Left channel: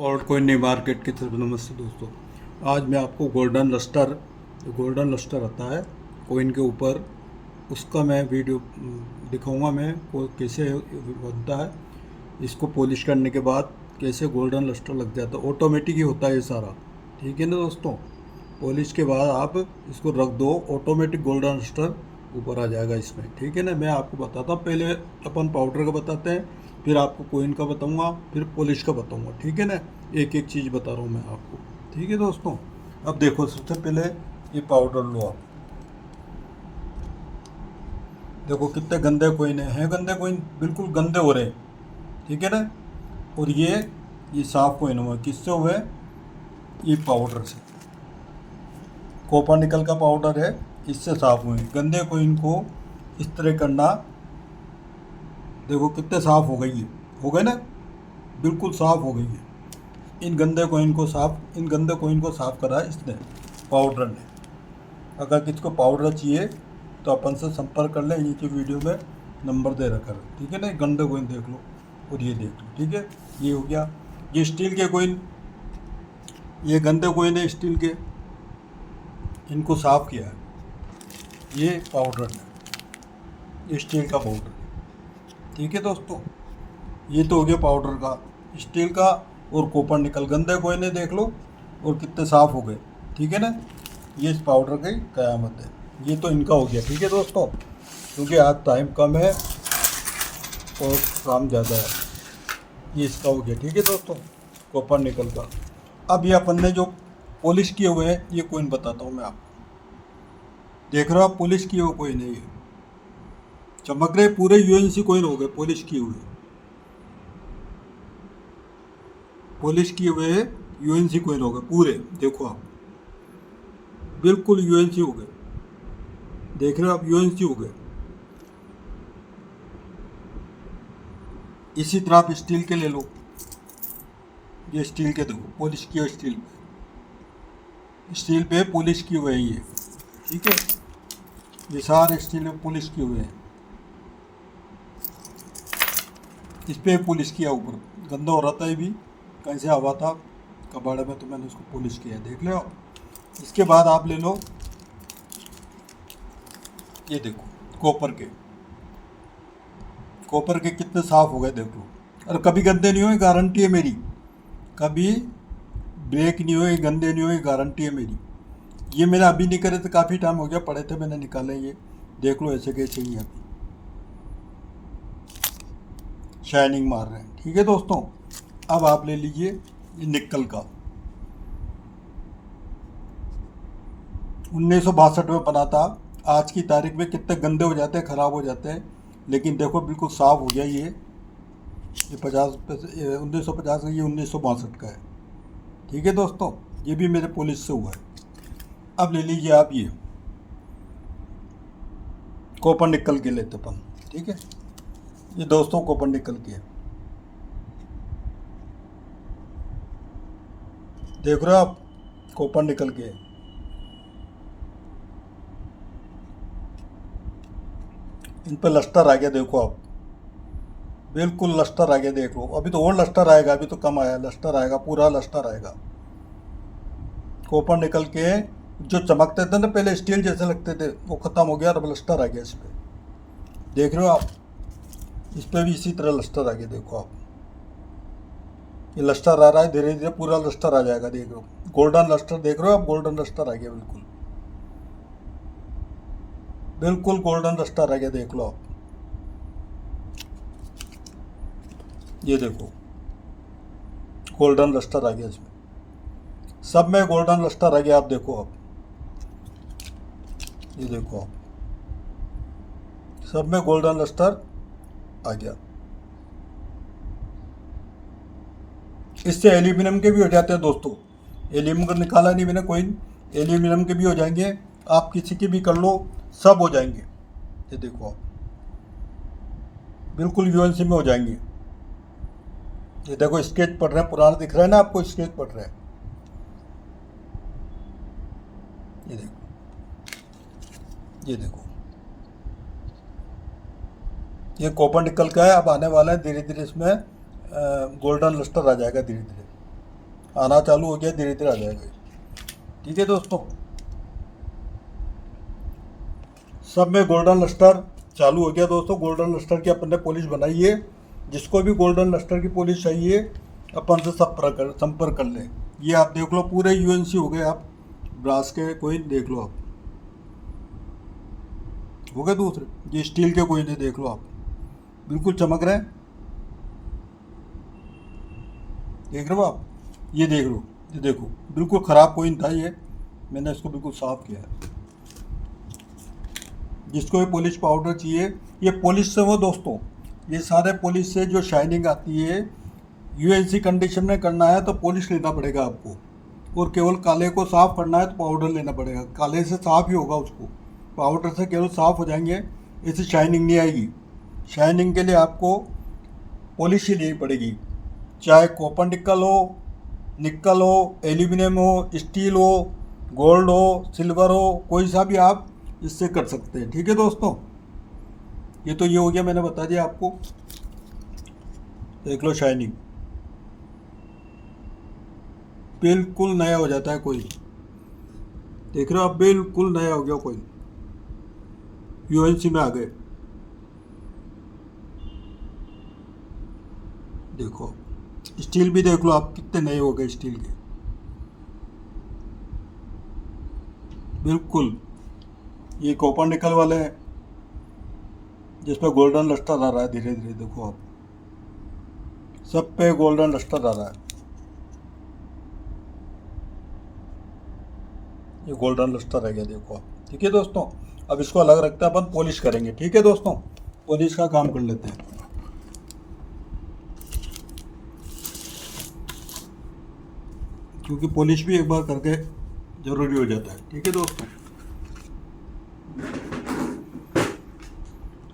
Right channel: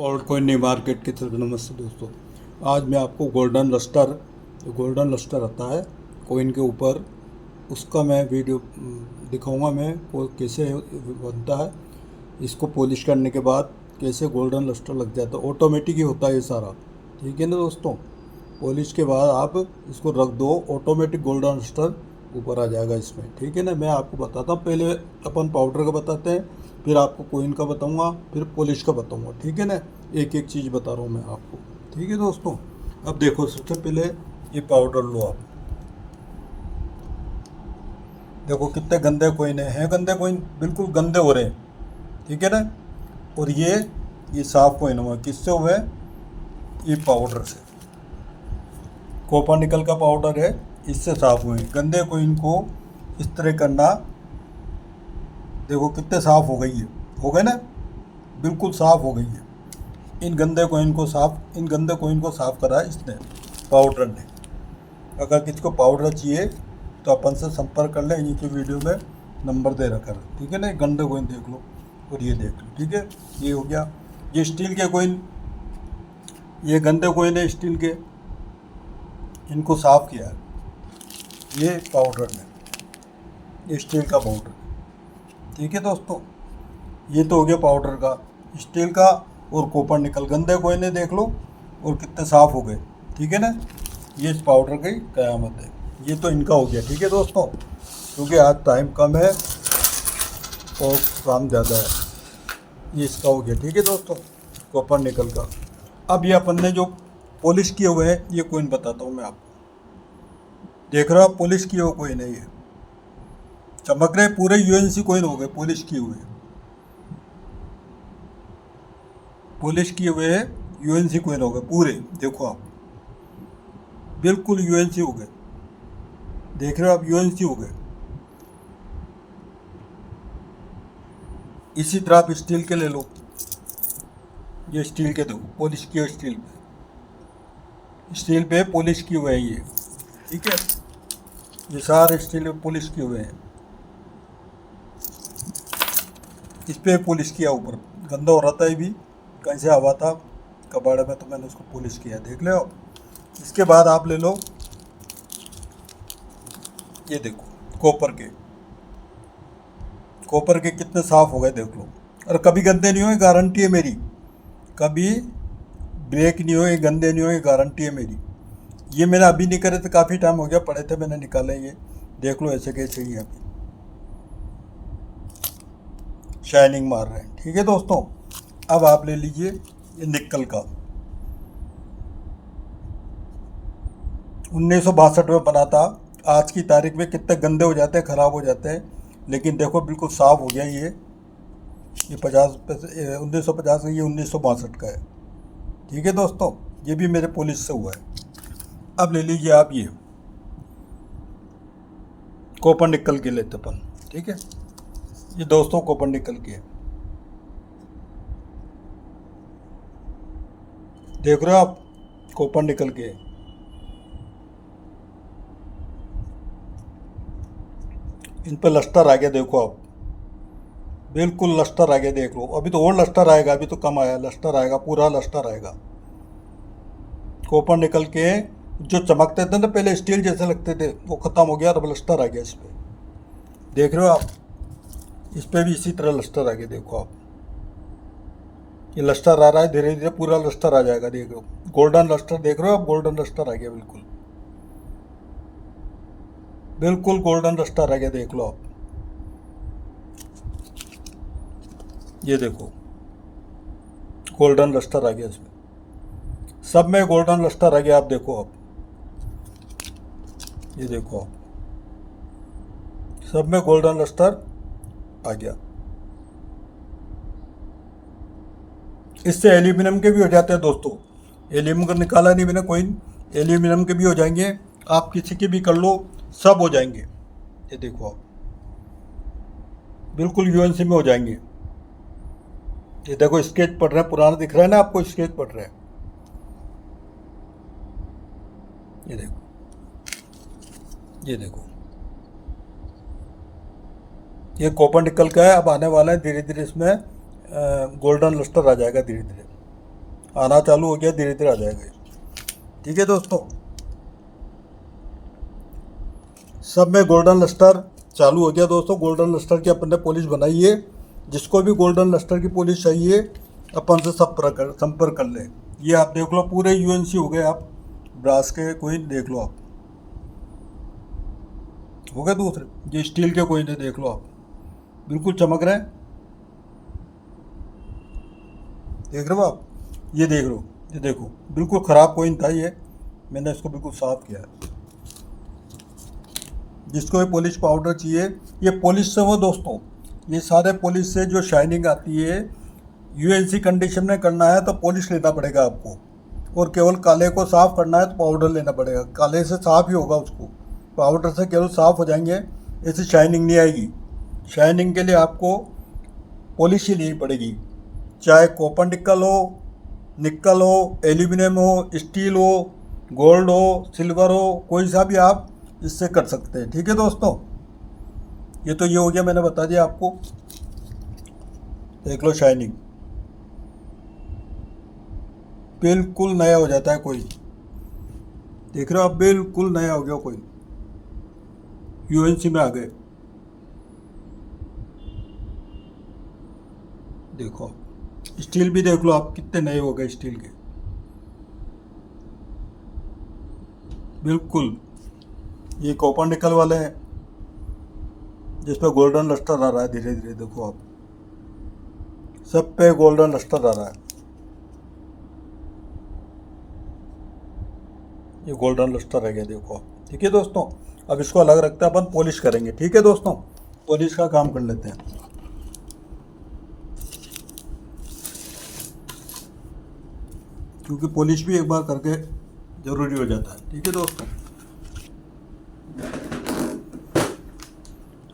और कोई नई मार्केट की तरफ नमस्ते दोस्तों। आज मैं आपको गोल्डन लस्टर आता है कोइन के ऊपर, उसका मैं वीडियो दिखाऊंगा। मैं को कैसे बनता है, इसको पॉलिश करने के बाद कैसे गोल्डन लस्टर लग जाता है। ऑटोमेटिक ही होता है ये सारा, ठीक है ना दोस्तों। पॉलिश के बाद आप इसको रख दो, ऑटोमेटिक गोल्डन लस्टर ऊपर आ जाएगा इसमें, ठीक है ना। मैं आपको बताता हूँ, पहले अपन पाउडर का बताते हैं, फिर आपको कोइन का बताऊंगा, फिर पॉलिश का बताऊंगा, ठीक है ना। एक एक चीज़ बता रहा हूँ मैं आपको, ठीक है दोस्तों। अब देखो, सबसे पहले ये पाउडर लो आप। देखो कितने गंदे कोइन हैं, गंदे कोइन बिल्कुल गंदे हो रहे हैं, ठीक है ना। और ये साफ कोइन हुआ, किससे हुए? ये पाउडर से, कॉपर निकल का पाउडर है, इससे साफ हुए। गंदे कोइन को इस तरह करना, देखो कितने साफ हो गई है, हो गए ना, बिल्कुल साफ हो गई है। इन गंदे कोइन को साफ करा है इसने, पाउडर ने। अगर किसी को पाउडर चाहिए तो अपन से संपर्क कर लें, नीचे वीडियो में नंबर दे रखा है, ठीक है ना। गंदे कोइन देख लो और ये देख लो, ठीक है। ये हो गया, ये स्टील के कोइन, ये गंदे कोइन है स्टील के, इनको साफ किया है ये पाउडर ने, ये स्टील का पाउडर, ठीक है दोस्तों। ये तो हो गया पाउडर का, स्टील का और कॉपर निकल। गंदे कोयने देख लो और कितने साफ हो गए, ठीक है ना। ये इस पाउडर की कयामत है। ये तो इनका हो गया, ठीक है दोस्तों, क्योंकि आज टाइम कम है और काम ज़्यादा है। ये इसका हो गया, ठीक है दोस्तों, कॉपर निकल का। अब ये अपन ने जो पॉलिश किए हुए हैं, ये कोइन बताता हूँ मैं आपको। देख रहे हो आप, पॉलिश किए हुए कोइन है ये, चमक रहे पूरे यूएनसी कोइन हो गए पॉलिश किए हुए, पॉलिश किए हुए यूएनसी कोइन हो गए पूरे। देखो आप, बिल्कुल यूएनसी हो गए, देख रहे हो आप, यूएनसी हो गए। इसी तरह आप स्टील के ले लो, ये स्टील के देखो, पॉलिश किए स्टील पे पॉलिश किए हुए हैं ये, ठीक है। ये सारे स्टील पे पॉलिश किए हुए हैं, इस पे पॉलिश किया ऊपर। गंदा हो रहा था ये भी, कहीं से हवा था कबाड़े में, तो मैंने उसको पॉलिश किया, देख लो। इसके बाद आप ले लो, ये देखो कॉपर के कितने साफ हो गए, देख लो। और कभी गंदे नहीं हुए, गारंटी है मेरी, कभी ब्रेक नहीं हुए, गंदे नहीं हुए, गारंटी है मेरी। ये मैंने अभी नहीं करे थे, काफ़ी टाइम हो गया, पड़े थे, मैंने निकाले ये, देख लो ऐसे कैसे ही अभी शाइनिंग मार रहे हैं, ठीक है दोस्तों। अब आप ले लीजिए ये निकल का, 1962 में बना था। आज की तारीख में कितने गंदे हो जाते हैं, ख़राब हो जाते हैं, लेकिन देखो बिल्कुल साफ़ हो गया ये 1950 का, ये 1962 का है, ठीक है दोस्तों। ये भी मेरे पुलिस से हुआ है। अब ले लीजिए आप ये कॉपर निकल के लेते अपन, ठीक है। ये दोस्तों कॉपर निकल के है, देख रहे हो आप, कॉपर निकल के है। इन पर लस्टर आ गया, देखो आप, बिल्कुल लस्टर आ गया, देख लो। अभी तो और लस्टर आएगा, अभी तो कम आया, लस्टर आएगा, पूरा लस्टर आएगा। कॉपर निकल के जो चमकते थे ना पहले, स्टील जैसे लगते थे, वो ख़त्म हो गया, अब लस्टर आ गया इस पर, देख रहे हो आप। इस पर भी इसी तरह लस्टर आ गया, देखो आप, ये लस्टर आ रहा है, धीरे धीरे पूरा लस्टर आ जाएगा, देख लो। गोल्डन लस्टर देख रहे हो आप, गोल्डन लस्टर आ गया, बिल्कुल बिल्कुल गोल्डन लस्टर आ गया, देख लो आप। ये देखो गोल्डन लस्टर आ गया इसमें, सब में गोल्डन लस्टर आ गया, आप देखो आप, ये देखो आप, सब में गोल्डन लस्टर आ गया। इससे एल्यूमिनियम के भी हो जाते हैं दोस्तों, एल्यूमिनियम का निकाला नहीं मैंने कोइन, एल्यूमिनियम के भी हो जाएंगे, आप किसी के भी कर लो, सब हो जाएंगे। ये देखो आप, बिल्कुल यूएनसी में हो जाएंगे। ये देखो स्केच पड़ रहा है, पुराना दिख रहा है ना आपको, स्केच पड़ रहा है, ये देखो, ये देखो, ये कॉपर निकल का है। अब आने वाला है धीरे धीरे, इसमें गोल्डन लस्टर आ जाएगा धीरे धीरे, आना चालू हो गया, धीरे धीरे आ जाएगा ये। ठीक है दोस्तों, सब में गोल्डन लस्टर चालू हो गया दोस्तों। गोल्डन लस्टर की अपन ने पॉलिश बनाई है। जिसको भी गोल्डन लस्टर की पॉलिश चाहिए अपन से संपर्क कर ले। ये आप देख लो, पूरे यूएनसी हो गए। आप ब्रास के कोइन देख लो, आप हो गए दूसरे। ये स्टील के कोइन है, देख लो आप, बिल्कुल चमक रहे हैं। देख रहे हो आप, ये देख लो, ये देखो, बिल्कुल ख़राब कोइन था ये, मैंने इसको बिल्कुल साफ़ किया है। जिसको भी पॉलिश पाउडर चाहिए, ये पॉलिश से हो दोस्तों, ये सारे पॉलिश से जो शाइनिंग आती है, यूएनसी कंडीशन में करना है तो पॉलिश लेना पड़ेगा आपको, और केवल काले को साफ़ करना है तो पाउडर लेना पड़ेगा। काले से साफ़ ही होगा उसको, पाउडर से केवल साफ़ हो जाएंगे, इससे शाइनिंग नहीं आएगी। शाइनिंग के लिए आपको पॉलिश ही लेनी पड़ेगी, चाहे कॉपर निकल हो, एल्यूमिनियम हो, स्टील हो, गोल्ड हो, सिल्वर हो, कोई सा भी आप इससे कर सकते हैं। ठीक है दोस्तों, ये तो ये हो गया, मैंने बता दिया आपको। देख लो शाइनिंग, बिल्कुल नया हो जाता है कोई। देख रहे हो आप, बिल्कुल नया हो गया कोई, यूएनसी में आ गए। देखो स्टील भी देख लो आप, कितने नए हो गए स्टील के, बिल्कुल। ये कॉपर निकल वाले हैं, जिस पे गोल्डन लस्टर आ रहा है धीरे धीरे, देखो आप, सब पे गोल्डन लस्टर आ रहा है। ये गोल्डन लस्टर है गया, देखो आप। ठीक है दोस्तों, अब इसको अलग रखते हैं, अपन पॉलिश करेंगे। ठीक है दोस्तों, पॉलिश का काम कर लेते हैं। क्योंकि पॉलिश भी एक बार करके ज़रूरी हो जाता है। ठीक है दोस्तों,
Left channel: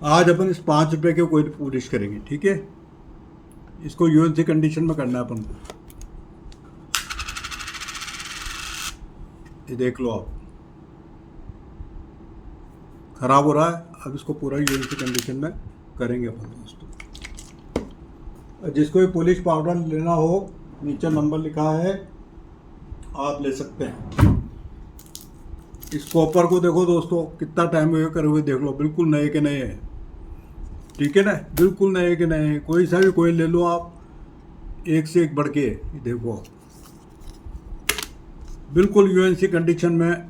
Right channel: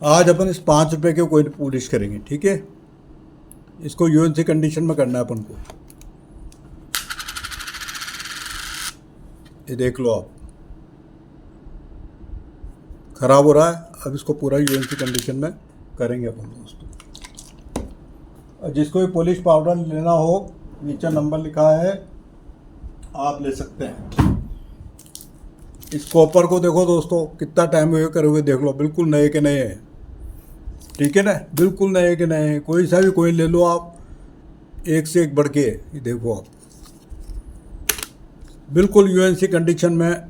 आज अपन इस 5 रुपये के कोई पॉलिश करेंगे। ठीक है, इसको यूएनसी कंडीशन में करना है अपन को। ये देख लो आप, ख़राब हो रहा है। अब इसको पूरा यूएनसी कंडीशन में करेंगे अपन दोस्तों। जिसको भी पॉलिश पाउडर लेना हो, नीचे नंबर लिखा है, आप ले सकते हैं। इस कॉपर को देखो दोस्तों, कितना टाइम हुए करे हुए, देख लो, बिल्कुल नए के नए हैं। ठीक है ना, बिल्कुल नए के नए हैं। कोई सा भी कोई ले लो आप, एक से एक बढ़ के। ये देखो आप, बिल्कुल यूएनसी कंडीशन में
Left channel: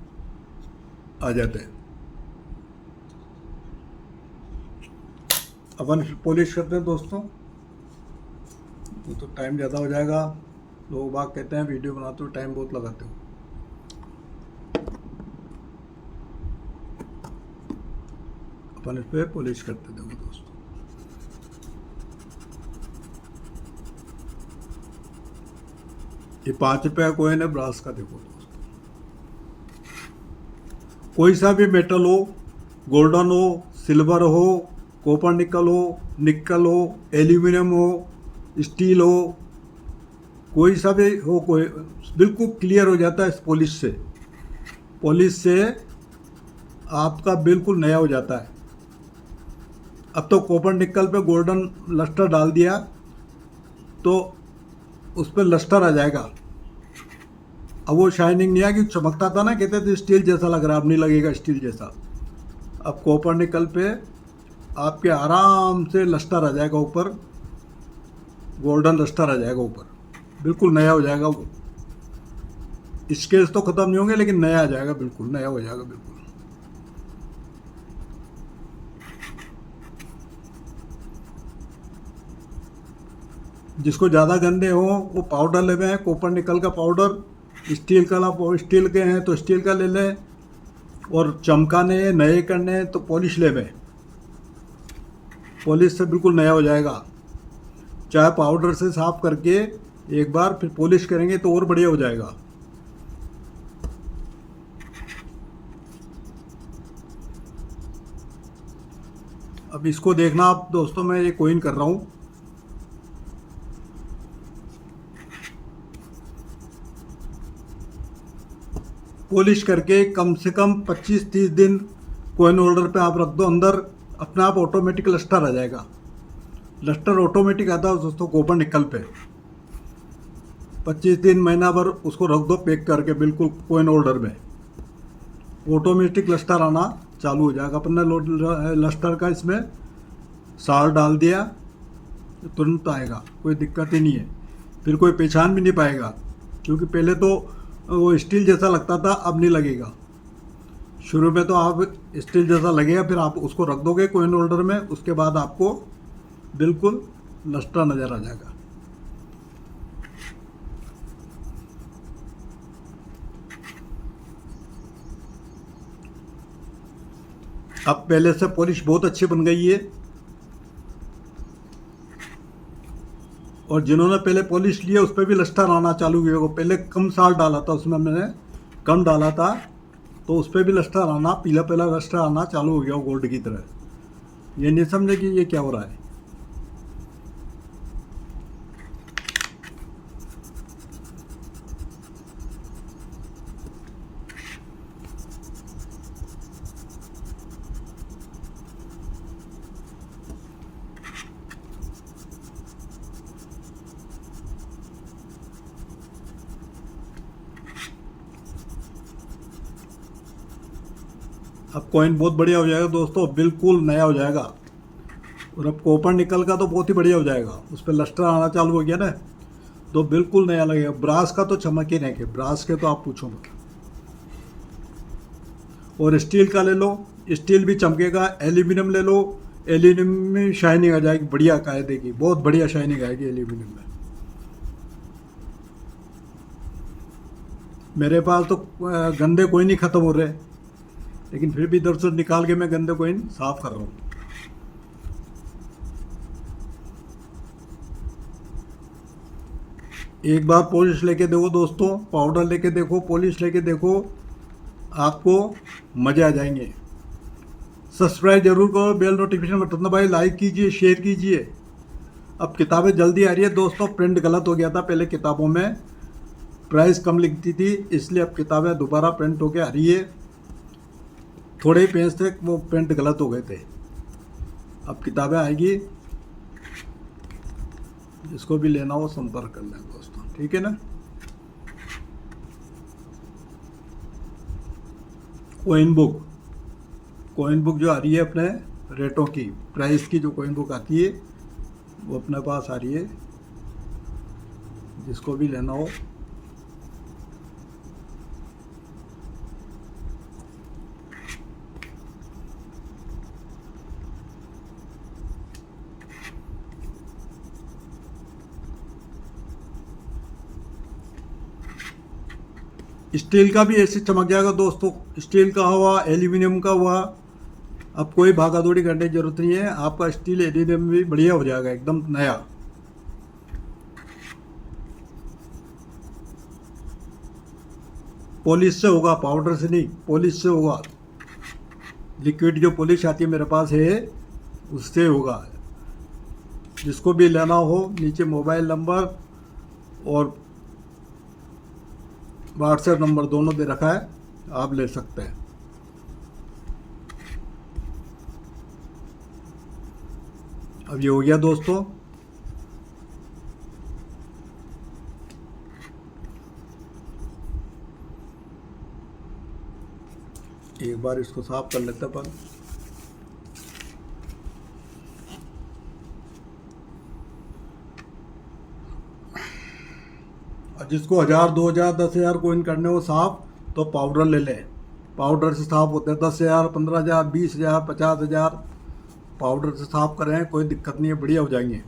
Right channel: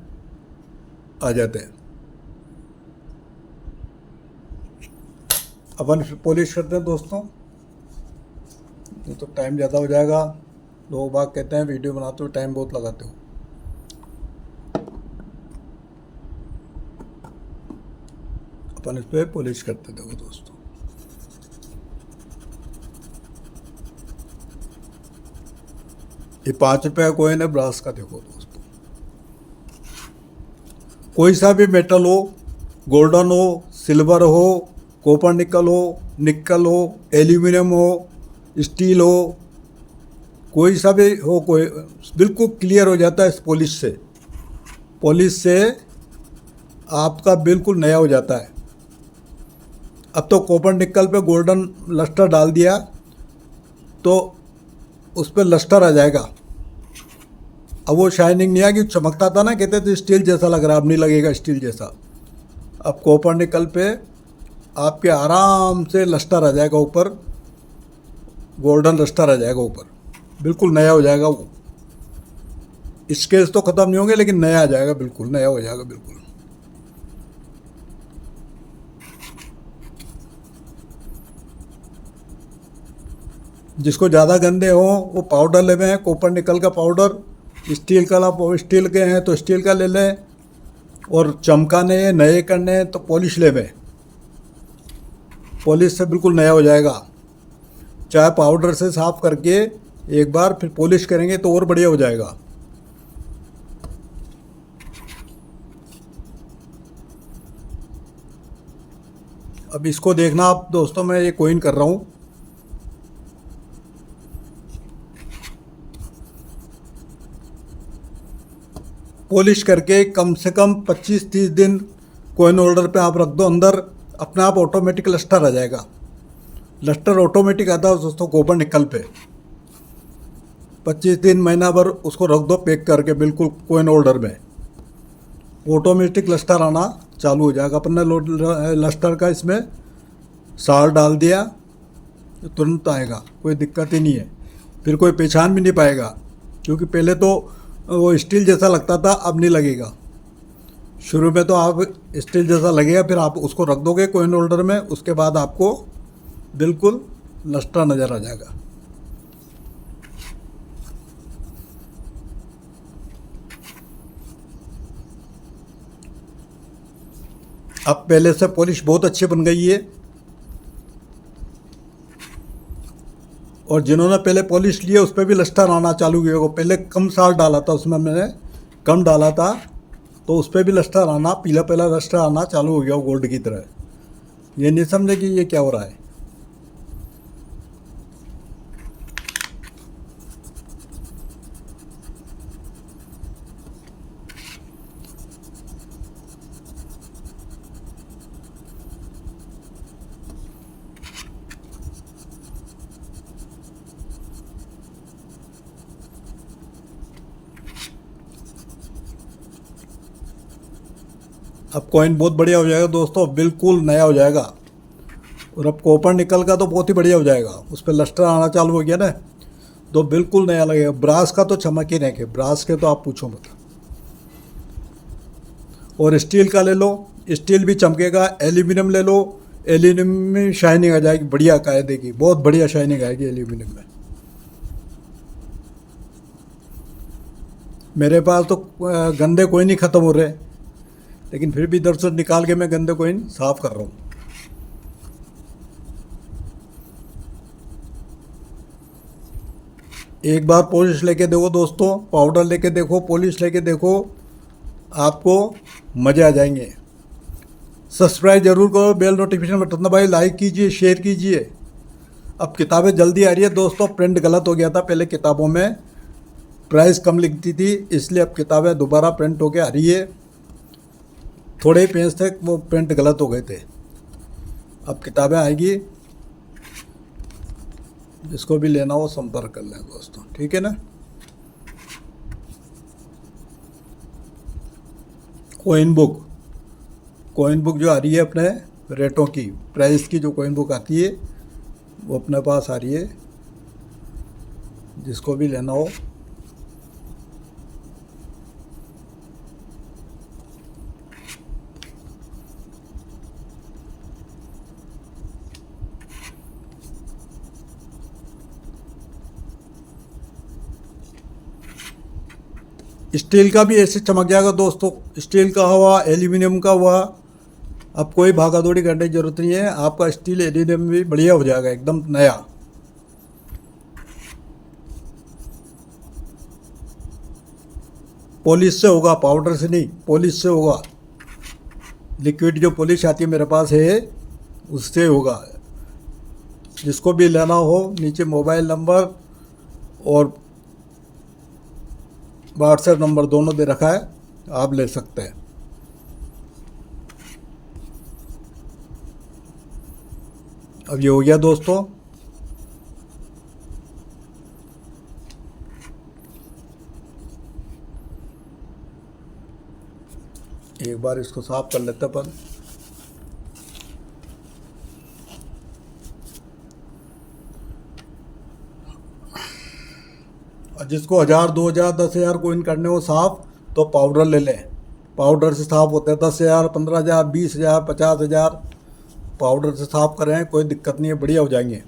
आ जाते हैं। अपन पॉलिश करते हैं दोस्तों, तो टाइम ज़्यादा हो जाएगा। लोग बाग कहते हैं वीडियो बनाते हो टाइम बहुत लगाते हो। अपन इस पर पॉलिश करते देखो दोस्तों। ये 5 रुपये का कोइन है ब्रास का, देखो दोस्तों। कोई सा भी मेटल हो, गोल्डन हो, सिल्वर हो, कॉपर निकल हो, एल्यूमिनियम हो, स्टील हो, कोई सा भी हो, कोई बिल्कुल क्लियर हो जाता है इस पॉलिश से। पॉलिश से आपका बिल्कुल नया हो जाता है। अब तो कॉपर निकल पे गोल्डन लस्टर डाल दिया तो उस पर लस्टर आ जाएगा। अब वो शाइनिंग नहीं आएगी, चमकता था ना, कहते थे स्टील जैसा लग रहा है, अब नहीं लगेगा स्टील जैसा। अब कॉपर निकल पे आपके आराम से लस्टर आ जाएगा ऊपर, गोल्डन लस्टर आ जाएगा ऊपर, बिल्कुल नया हो जाएगा वो। स्केच तो ख़त्म नहीं होंगे, लेकिन नया आ जाएगा, बिल्कुल नया हो जाएगा बिल्कुल। जिसको ज़्यादा गंदे हो वो पाउडर ले लें, कॉपर निकल का पाउडर। स्टील के हैं तो स्टील का ले लें, और चमकाने नए करने तो पॉलिश ले लें। पॉलिश से बिल्कुल नया हो जाएगा। चाहे पाउडर से साफ करके एक बार फिर पॉलिश करेंगे तो और बढ़िया हो जाएगा। अब इसको देखना आप दोस्तों, मैं ये कोइन कर रहा हूँ। पॉलिश करके कम से कम 25-30 दिन कोइन होल्डर पे आप रख दो अंदर, अपने आप ऑटोमेटिक लस्टर आ जाएगा। लस्टर ऑटोमेटिक आता है दोस्तों कॉपर निकल पे। 25 दिन महीना भर उसको रख दो पैक करके बिल्कुल कोइन होल्डर में, ऑटोमेटिक लस्टर आना चालू हो जाएगा। अपन ने लस्टर का इसमें सार डाल दिया, तुरंत आएगा, कोई दिक्कत ही नहीं है। फिर कोई पहचान भी नहीं पाएगा, क्योंकि पहले तो वो स्टील जैसा लगता था, अब नहीं लगेगा। शुरू में तो आप स्टील जैसा लगेगा, फिर आप उसको रख दोगे कोइन होल्डर में, उसके बाद आपको बिल्कुल लस्टर नज़र आ जाएगा। अब पहले से पॉलिश बहुत अच्छी बन गई है, और जिन्होंने पहले पॉलिश लिया उस पर भी लस्टर आना चालू हुआ होगा। पहले कम साल डाला था उसमें, मैंने कम डाला था, तो उस पर भी लस्टर आना, पीला पीला लस्टर आना चालू हो गया गोल्ड की तरह। ये नहीं समझे कि ये क्या हो रहा है। अब कॉइन बहुत बढ़िया हो जाएगा दोस्तों, बिल्कुल नया हो जाएगा। और अब कॉपर निकल का तो बहुत ही बढ़िया हो जाएगा, उस पर लस्टर आना चालू हो गया ना, तो बिल्कुल नया लगेगा। ब्रास का तो चमक ही नहीं, ब्रास के तो आप पूछो मत। और स्टील का ले लो, स्टील भी चमकेगा। एल्यूमिनियम ले लो, एल्यूमिनियम में शाइनिंग आ जाएगी, बढ़िया कायदे की, बहुत बढ़िया शाइनिंग आएगी एल्यूमिनियम में। मेरे पास तो गंदे कोइन ही ख़त्म हो रहे हैं, लेकिन फिर भी इधर से निकाल के मैं गंदे कोइन साफ कर रहा हूँ। एक बार पॉलिश लेके देखो दोस्तों, पाउडर लेके देखो, पॉलिश लेके देखो, आपको मज़े आ जाएंगे। सब्सक्राइब जरूर करो, बेल नोटिफिकेशन बटन दबाइए, लाइक कीजिए, शेयर कीजिए। अब किताबें जल्दी आ रही है दोस्तों, प्रिंट गलत हो गया था, पहले किताबों में प्राइस कम लिखती थी, इसलिए अब किताबें दोबारा प्रिंट होके आ रही है। थोड़े ही पेज थे, वो प्रिंट गलत हो गए थे, अब किताबें आएगी। जिसको भी लेना हो संपर्क कर लें दोस्तों, ठीक है ना। कोइन बुक, कोइन बुक जो आ रही है अपने रेटों की, प्राइस की जो कोइन बुक आती है वो अपने पास आ रही है, जिसको भी लेना हो। स्टील का भी ऐसे चमक जाएगा दोस्तों, स्टील का हुआ, एल्यूमिनियम का हुआ, अब कोई भागा दौड़ी करने की जरूरत नहीं है। आपका स्टील एल्यूमिनियम भी बढ़िया हो जाएगा, एकदम नया। पॉलिश से होगा, पाउडर से नहीं, पॉलिश से होगा। लिक्विड जो पॉलिश आती है मेरे पास है, उससे होगा। जिसको भी लेना हो, नीचे मोबाइल नंबर और व्हाट्सएप नंबर दोनों दे रखा है, आप ले सकते हैं। अब ये हो गया दोस्तों। एक बार इसको साफ कर लेते अपन। जिसको 1000, 2000, 10,000 कोइन करने हो साफ, तो पाउडर ले लें। पाउडर से साफ होते हैं 10,000, 15,000, 20,000, 50,000। पाउडर से साफ करें, कोई दिक्कत नहीं है, बढ़िया हो जाएंगे।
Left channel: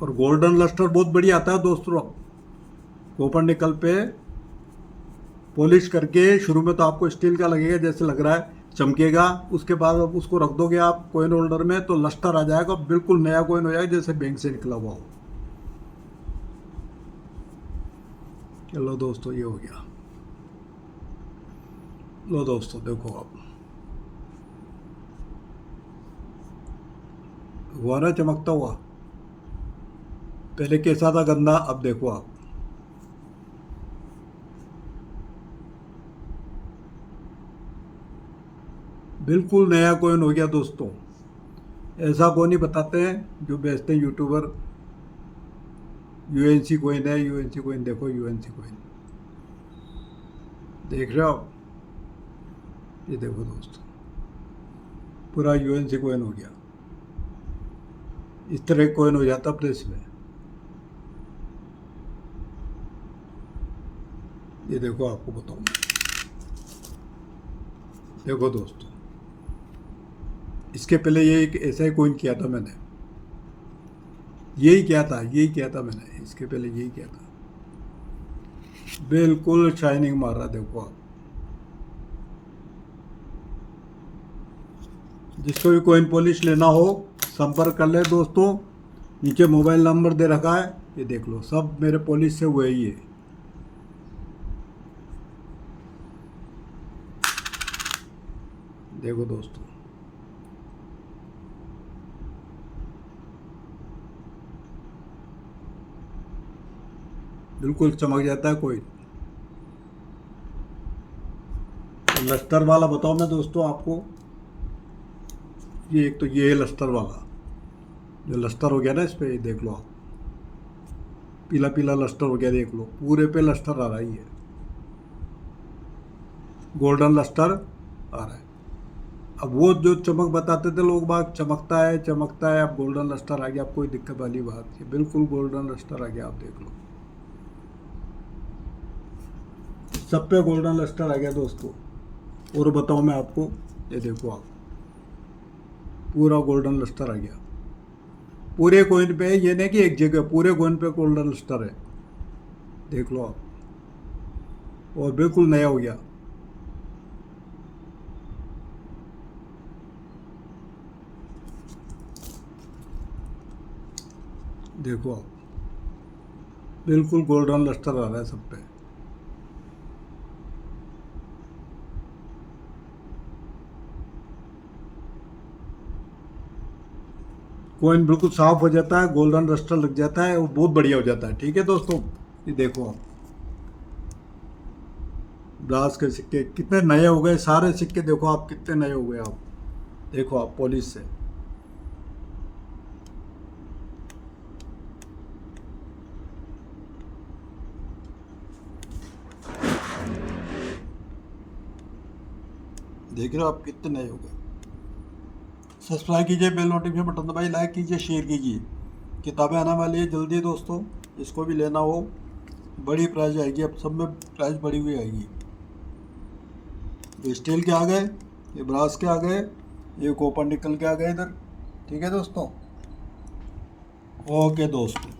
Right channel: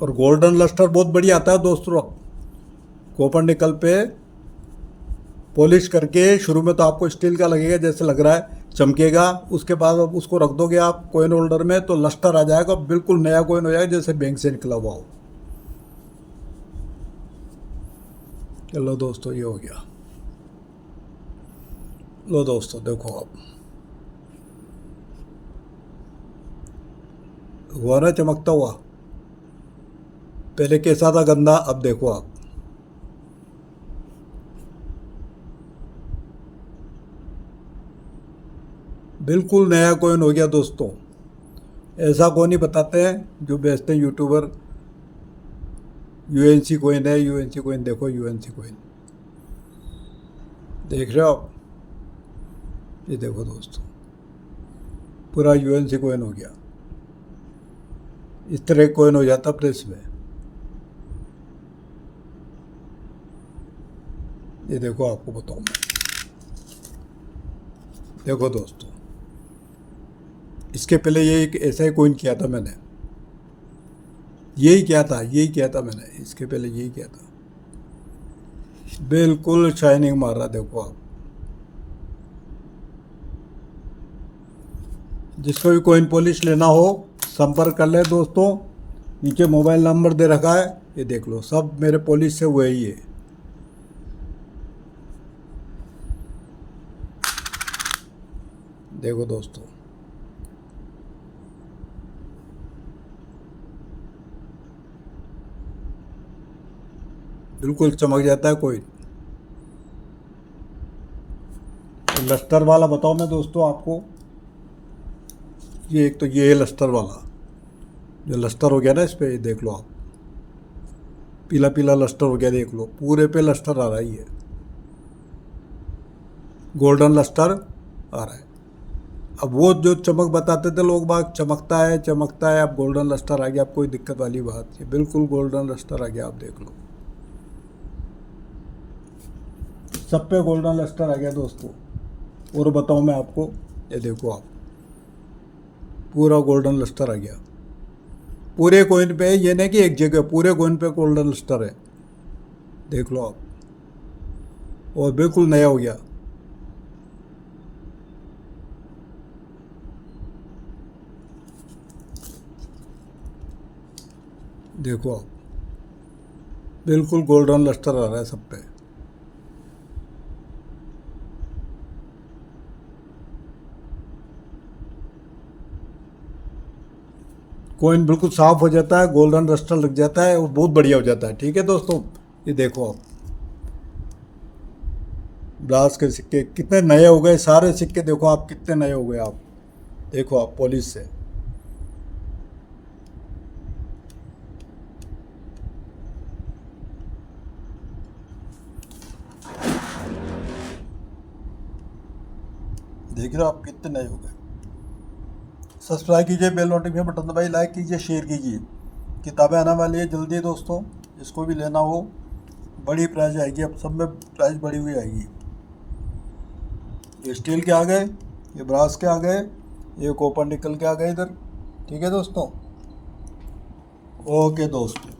और गोल्डन लस्टर बहुत बढ़िया आता है दोस्तों। कॉपर निकल पे पॉलिश करके, शुरू में तो आपको स्टील का लगेगा जैसे लग रहा है, चमकेगा। उसके बाद आप उसको रख दोगे आप कोइन होल्डर में, तो लस्टर आ जाएगा, बिल्कुल नया कोइन हो जाएगा, जैसे बैंक से निकला हुआ हो। चलो दोस्तों, ये हो गया। लो दोस्तों देखो, आप हुआ ना चमकता हुआ। पहले कैसा था गंदा, अब देखो आप। बिल्कुल नया कॉइन हो गया दोस्तों। ऐसा कौन ही बताते हैं जो बेचते हैं यूट्यूबर। यूएनसी कॉइन है, यूएनसी कॉइन देखो, यूएनसी कॉइन देख रहे हो आप। ये देखो दोस्तों, पूरा यूएनसी कॉइन हो गया। इस तरह कॉइन हो जाता प्रेस में। ये देखो, आपको बताऊं मैं। देखो दोस्तों, इसके पहले ये एक ऐसा ही कॉइन किया था मैंने। यही किया था मैंने, इसके पहले यही किया था। बिल्कुल शाइनिंग मार रहा, देखो आप। जिसको भी कॉइन पॉलिश लेना हो संपर्क कर ले दोस्तों। नीचे मोबाइल नंबर दे रखा है, ये देख लो, सब मेरे पॉलिश से हुए ही है। देखो दोस्तों, बिल्कुल चमक जाता है कोई। लस्टर वाला बताओ मैं दोस्तों आपको। ये एक तो ये है लस्टर वाला, जो लस्टर हो गया ना इस पे, ये देख लो आप। पीला पीला लस्टर हो गया, देख लो, पूरे पे लस्टर आ रहा है। ये गोल्डन लस्टर आ रहा है। अब वो जो चमक बताते थे लोग बाग, चमकता है, अब गोल्डन लस्टर आ गया। अब कोई दिक्कत वाली बात नहीं, बिल्कुल गोल्डन लस्टर आ गया, आप देख लो। सब पे गोल्डन लस्टर आ गया दोस्तों। और बताऊं मैं आपको, ये देखो आप, पूरा गोल्डन लस्टर आ गया पूरे कॉइन पे। ये नहीं कि एक जगह, पूरे कॉइन पे गोल्डन लस्टर है, देख लो आप। और बिल्कुल नया हो गया। देखो आप, बिल्कुल गोल्डन लस्टर आ रहा है सब पे। कॉइन बिल्कुल साफ हो जाता है, गोल्डन लस्टर लग जाता है और बहुत बढ़िया हो जाता है। ठीक है दोस्तों, ये देखो आप, ब्रास के सिक्के कितने नए हो गए। सारे सिक्के देखो आप, कितने नए हो गए आप। देखो आप, पॉलिश से। देख रहे हो आप, कितने नए हो गए। सब्सक्राइब कीजिए, बेल नोटिफिकेशन बटन दबाइए, लाइक कीजिए, शेयर कीजिए। किताबें आने वाली है जल्दी दोस्तों, जिसको भी लेना हो। बड़ी प्राइस आएगी, अब सब में प्राइस बढ़ी हुई आएगी। ये स्टील के आ गए, ये ब्रास के आ गए, ये कॉपर निकल के आ गए इधर। ठीक है दोस्तों, ओके दोस्तों।